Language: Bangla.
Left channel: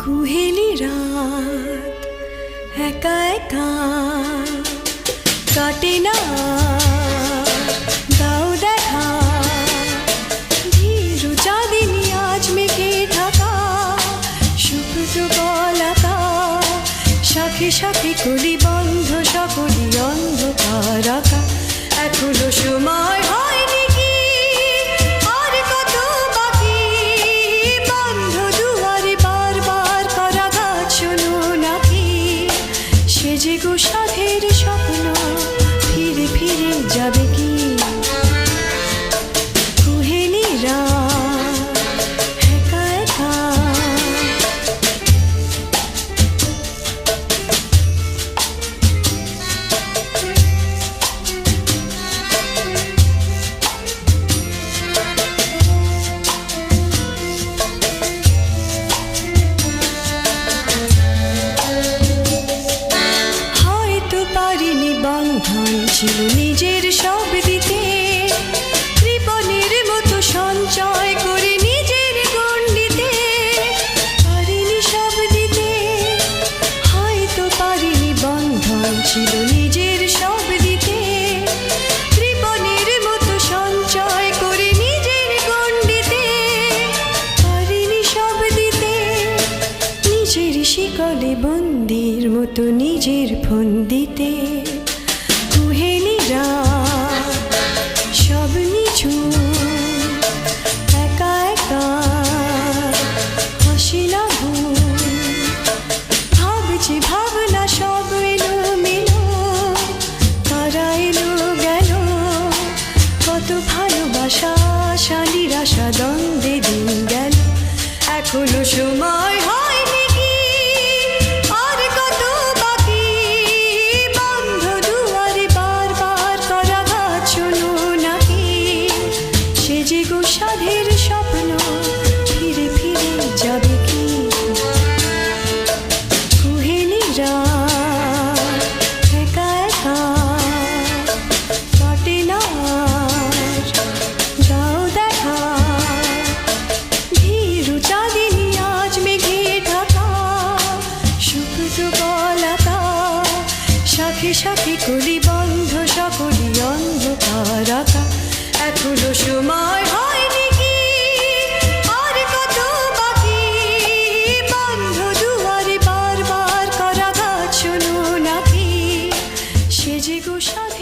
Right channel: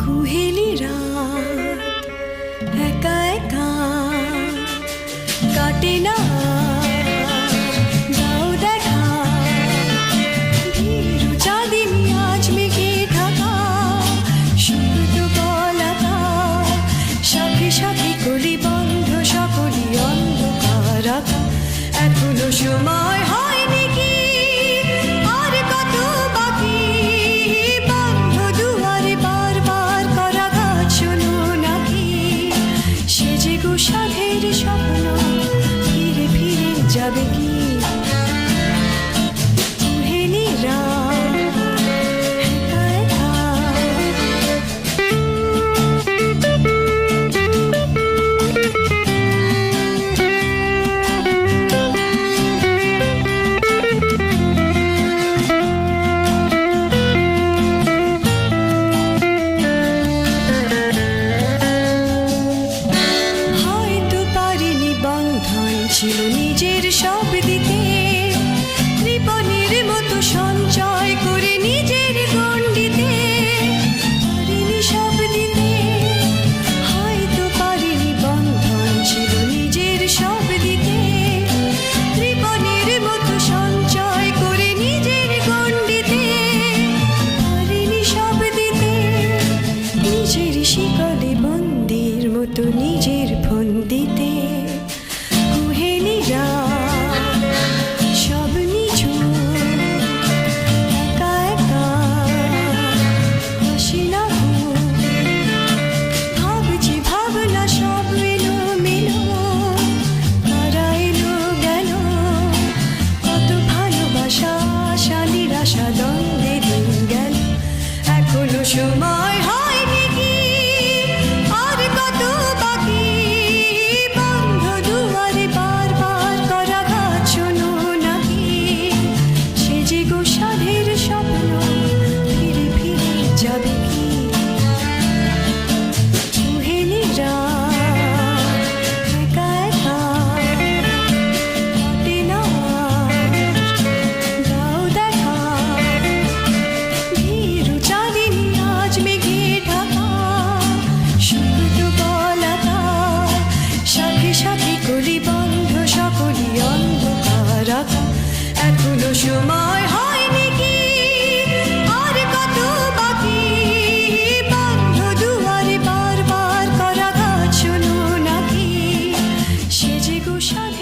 কুহেলি রাত একা একা কাটে না, দাও দেখা ভীরু চাঁদিনী আজ মেঘে ঢাকা, সুপ্ত বলাকা শাখে শাখে কলি বন্ধ সকলি অন্ধকার আঁকা। এখনো সময় হয়নি কি আর কত বাকি, বন্ধ দুয়ারে বারবার করা গাছ শোনো নাকি, সে যে গো সাধের স্বপ্ন ফিরে ফিরে যাবে কি। কুহেলি রাত একা একা বন্ধন ছিল নিজের সব দিতে, কৃপণের মতো সঞ্চয় করে নিজের গণ্ডিতে, পারিনি সব দিতে, হয়তো পারিনি বন্ধন ছিল নিজের সব দিতে, কৃপণের মতো সঞ্চয় করে নিজের গণ্ডিতে, পারিনি সব দিতে, নিজের শিকলে বন্দির মতো নিজের ফন্দিতে। কুহেলি রাত সব নিছু একা একা হাসি না ঘুম, ভাবছি ভাবনা সব এলো মেলো, তারা এলো গেল, কত ভালোবাসা আশা নিরাশা দ্বন্দ্বে দিন গেল। এখনো সময় হয়নি কি আর কত বাকি, বন্ধ দুয়ারে বারবার করা গাছ শোনো নাকি, সে যে গো সাধের স্বপ্ন ফিরে ফিরে যাবে কি। কুহেলি রাত একা একা কাটে না, দাও দেখা ভীরু চাঁদিনী আজ মেঘে ঢাকা, সুপ্ত বলাকা শাখে শাখে কলি বন্ধ সকলি অন্ধকার আঁকা। এখনো সময় হয়নি কি আর কত বাকি, বন্ধ দুয়ারে বারবার করা গাছ শোনো নাকি, সে যে গো সাধে